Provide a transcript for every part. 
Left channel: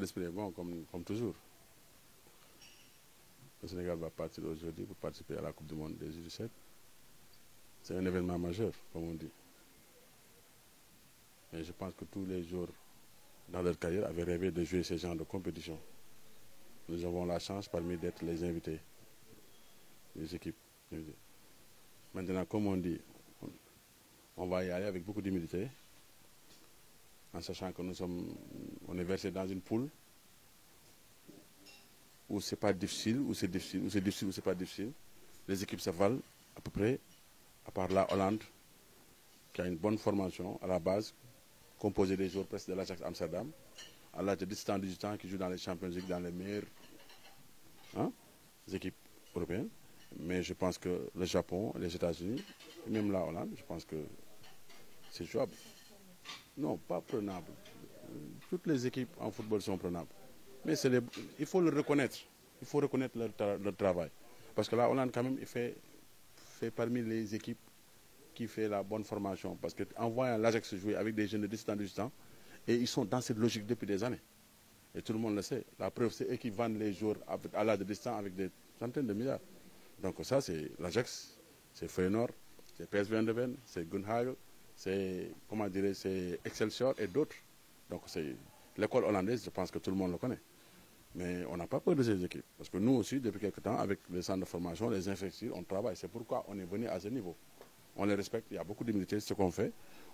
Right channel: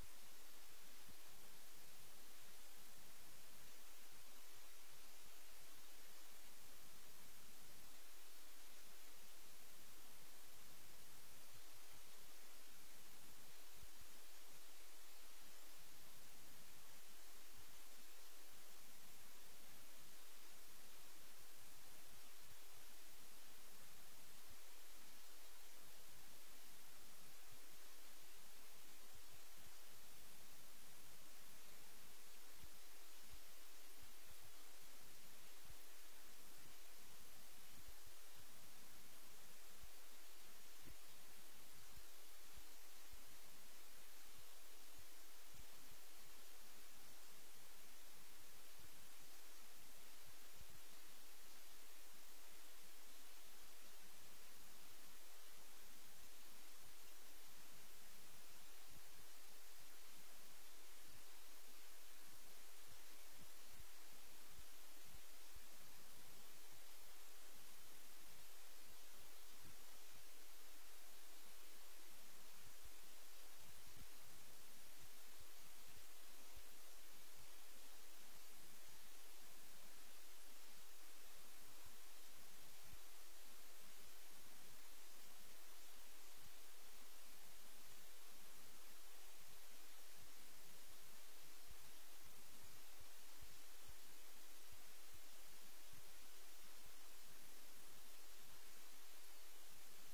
d'esprit est bon, comme toujours. Le Sénégal va partir aujourd'hui pour participer à la Coupe du Monde des U17. C'est un événement majeur, comme on dit. Et je pense que tous les jours dans leur carrière avaient rêvé de jouer ce genre de compétition. Nous avons la chance parmi d'être les invités des équipes. Maintenant, comme on dit, on va y aller avec beaucoup d'humilité, en sachant que on est versé dans une poule où c'est pas difficile, où c'est difficile, où c'est difficile, où c'est pas difficile. Les équipes se valent à peu près, à part la Hollande, qui a une bonne formation à la base, composée des joueurs presque de l'Ajax Amsterdam, à l'âge de 17 ans, qui jouent dans les Champions League, dans les meilleures équipes européennes. Mais je pense que le Japon, les États-Unis, même la Hollande, je pense que c'est jouable. Non, pas prenable. Toutes les équipes en football sont prenables. Mais il faut le reconnaître. Il faut reconnaître leur travail. Parce que la Hollande, quand même, il fait parmi les équipes qui fait la bonne formation. Parce qu'en voyant l'Ajax jouer avec des jeunes de 17 ans, 18 ans, et ils sont dans cette logique depuis des années. Et tout le monde le sait. La preuve, c'est eux qui vendent les joueurs à l'âge de 17 ans avec des centaines de milliards. Donc ça, c'est l'Ajax, c'est Feyenoord, c'est PSV Eindhoven, c'est Gunhagel, c'est, comment dire, c'est Excelsior et d'autres. Donc c'est l'école hollandaise, je pense que tout le monde le connaît. Mais on n'a pas peur de ces équipes. Parce que nous aussi, depuis quelques temps, avec les centres de formation, les infrastructures, on travaille. C'est pourquoi on est venu à ce niveau. On les respecte, il y a beaucoup d'humilité, ce qu'on fait.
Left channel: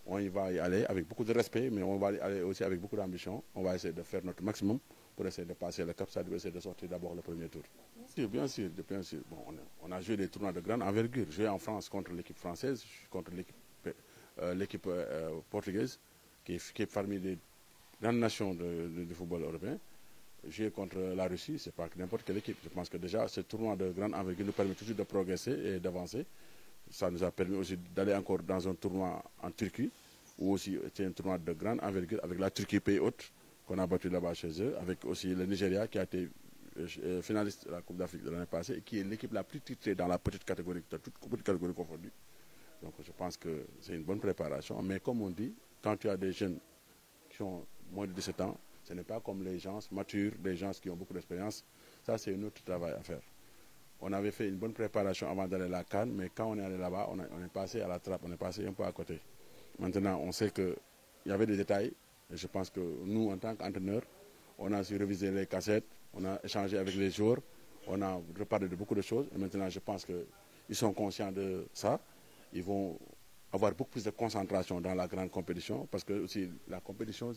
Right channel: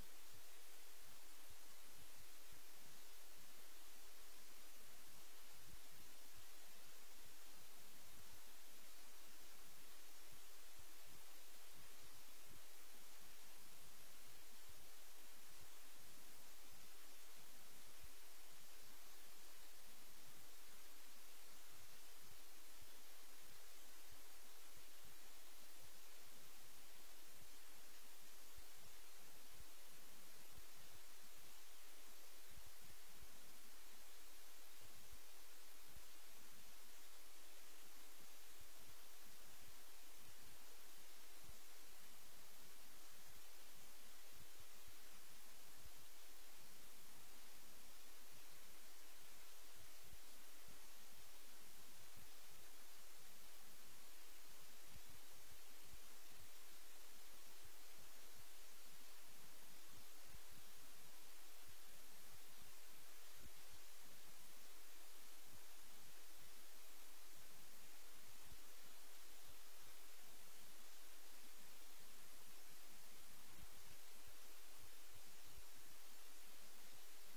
On y va y aller avec beaucoup de respect, mais on va y aller aussi avec beaucoup d'ambition. On va essayer de faire notre maximum pour essayer de passer le cap, c'est-à-dire essayer de sortir d'abord le premier tour. Bien sûr. Bon, on a joué des tournois de grande envergure. Joué en France contre l'équipe française, contre l'équipe portugaise, qui est parmi les grandes nations du football européen. Jouer contre la Russie, c'est pas n'importe quelle équipe. Je pense que déjà, ce tournoi de grande envergure nous permet toujours de progresser et d'avancer. Ça nous a permis aussi d'aller encore dans un tournoi en Turquie, où aussi c'était un tournoi de grande envergure avec la Turquie pays hôte, qu'on a battu là-bas chez eux, avec aussi le Nigeria qui a été finaliste de la Coupe d'Afrique de l'année passée et qui est l'équipe la plus titrée dans la petite catégorie, de toutes les catégories confondues. Donc je pense que c'est une bonne préparation. Mais comme on dit, quand tu as des jeunes qui ont moins de 17 ans, ce n'est pas comme les gens matures, des gens qui ont beaucoup d'expérience. Ça, c'est un autre travail à faire. On avait fait une bonne préparation avant d'aller à la CAN, mais quand on est allé là-bas, on est passé à la trappe, on est passé un peu à côté. Maintenant, on sait qu'il y avait des détails. Et je pense que nous, en tant qu'entraîneurs, on a su réviser les cassettes, on a échangé avec les joueurs, on a reparlé de beaucoup de choses. Et maintenant, je pense qu'ils sont conscients de ça. Ils vont avoir beaucoup plus de concentration dans la grande compétition, parce que aussi la compétition,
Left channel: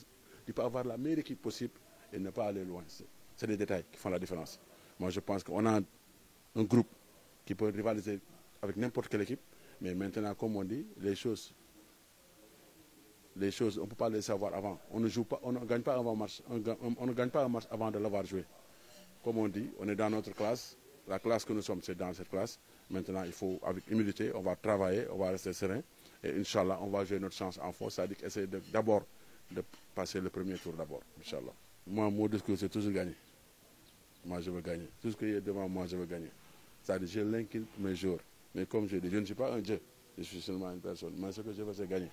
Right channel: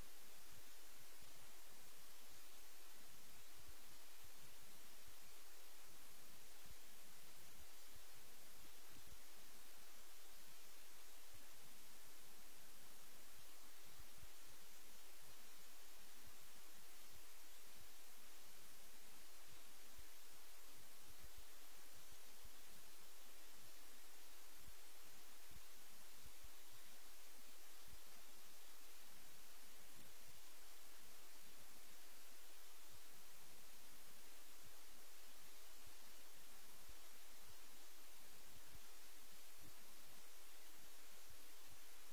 il peut avoir la meilleure équipe possible et ne pas aller loin. C'est des détails qui font la différence. Moi, je pense qu'on a un groupe qui peut rivaliser avec n'importe quelle équipe, mais maintenant, comme on dit, les choses, on ne peut pas les savoir avant. On ne gagne pas avant match, on ne gagne pas un match avant de l'avoir joué. Comme on dit, on est dans notre classe. La classe que nous sommes, c'est dans cette classe. Maintenant, il faut, avec humilité, on va travailler, on va rester serein. Et Inch'Allah, on va jouer notre chance en force. C'est-à-dire essayer d'abord de passer le premier tour d'abord, Inch'Allah. Moi, mon discours, c'est toujours gagner. Moi, je veux gagner. Tout ce qui est devant moi, je veux gagner. C'est-à-dire, je l'inquiète mes jours. Mais comme je dis, je ne suis pas un dieu. Je suis seulement une personne. Mais ce que je veux, c'est gagner.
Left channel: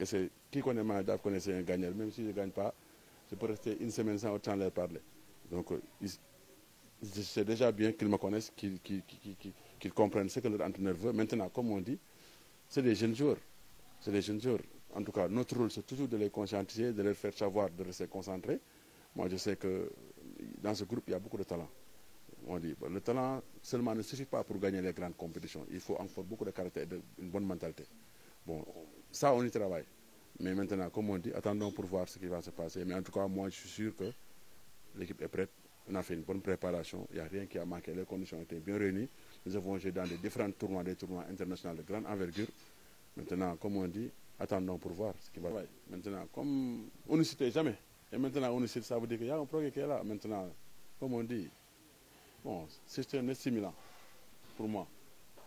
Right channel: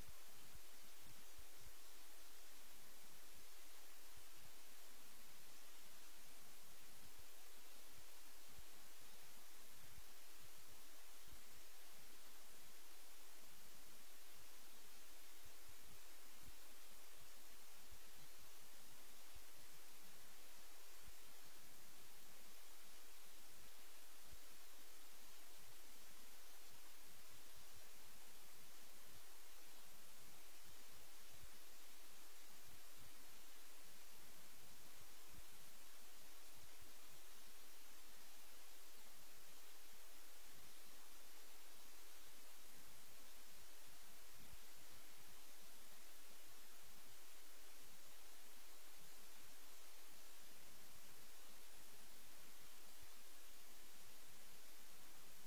Et qui connaît Maïdaf connaît un gagnant. Même si je ne gagne pas, je peux rester une semaine sans autant leur parler. Donc, c'est déjà bien qu'ils me connaissent, qu'ils comprennent ce que leur entraîneur veut. Maintenant, comme on dit, c'est des jeunes joueurs. C'est des jeunes joueurs. En tout cas, notre rôle, c'est toujours de les conscientiser, de leur faire savoir, de rester concentrés. Moi, je sais que dans ce groupe, il y a beaucoup de talent. On dit, le talent seulement ne suffit pas pour gagner les grandes compétitions. Il faut encore beaucoup de caractère et une bonne mentalité. Bon, ça, on y travaille. Mais maintenant, comme on dit, attendons pour voir ce qui va se passer. Mais en tout cas, moi, je suis sûr que l'équipe est prête. On a fait une bonne préparation. Il n'y a rien qui a manqué. Les conditions étaient bien réunies. Nous avons joué dans des différents tournois, des tournois internationaux de grande envergure. Maintenant, comme on dit, attendons pour voir ce qui va se passer. Maintenant, comme on ne citait jamais. Et maintenant, on ne cite, ça veut dire qu'il y a un projet qui est là. Maintenant, comme on dit, bon, c'est un stimulant pour moi.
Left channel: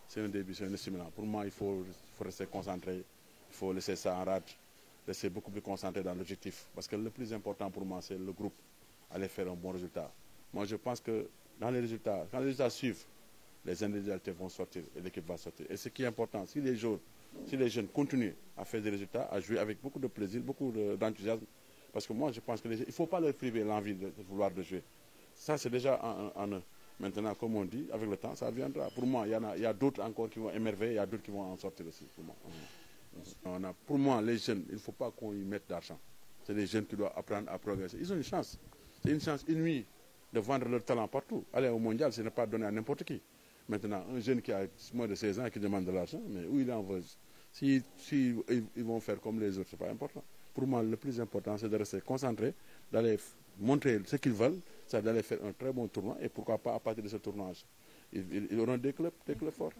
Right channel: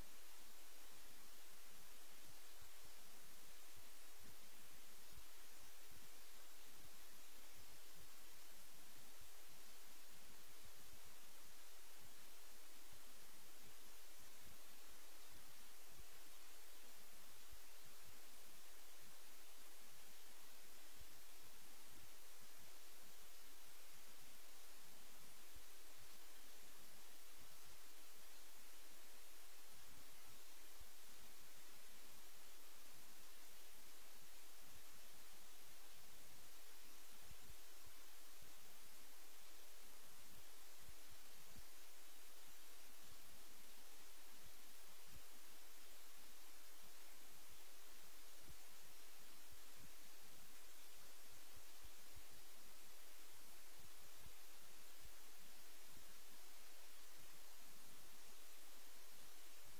C'est un début, c'est un stimulant. Pour moi, il faut rester concentré. Il faut laisser ça en rade. Rester beaucoup plus concentré dans l'objectif. Parce que le plus important pour moi, c'est le groupe. Aller faire un bon résultat. Moi, je pense que dans les résultats, quand les résultats suivent, les individualités vont sortir et l'équipe va sortir. Et ce qui est important, si les jeunes continuent à faire des résultats, à jouer avec beaucoup de plaisir, beaucoup d'enthousiasme, Parce que moi, je pense qu'il ne faut pas leur priver l'envie de vouloir de jouer. Ça, c'est déjà en eux. Maintenant, comme on dit, avec le temps, ça viendra. Pour moi, il y a d'autres encore qui vont émerveiller, il y a d'autres qui vont en sortir aussi. Pour moi, les jeunes, il ne faut pas qu'on y mette d'argent. C'est les jeunes qui doivent apprendre à progresser. Ils ont une chance. C'est une chance inouïe de vendre leur talent partout. Aller au mondial, ce n'est pas donné à n'importe qui. Maintenant, un jeune qui a moins de 16 ans et qui demande de l'argent, mais où il en veut? Si ils vont faire comme les autres, ce n'est pas important. Pour moi, le plus important, c'est de rester concentré, d'aller montrer ce qu'ils veulent, c'est d'aller faire un très bon tournoi, et pourquoi pas à partir de ce tournoi, ils auront des clubs forts.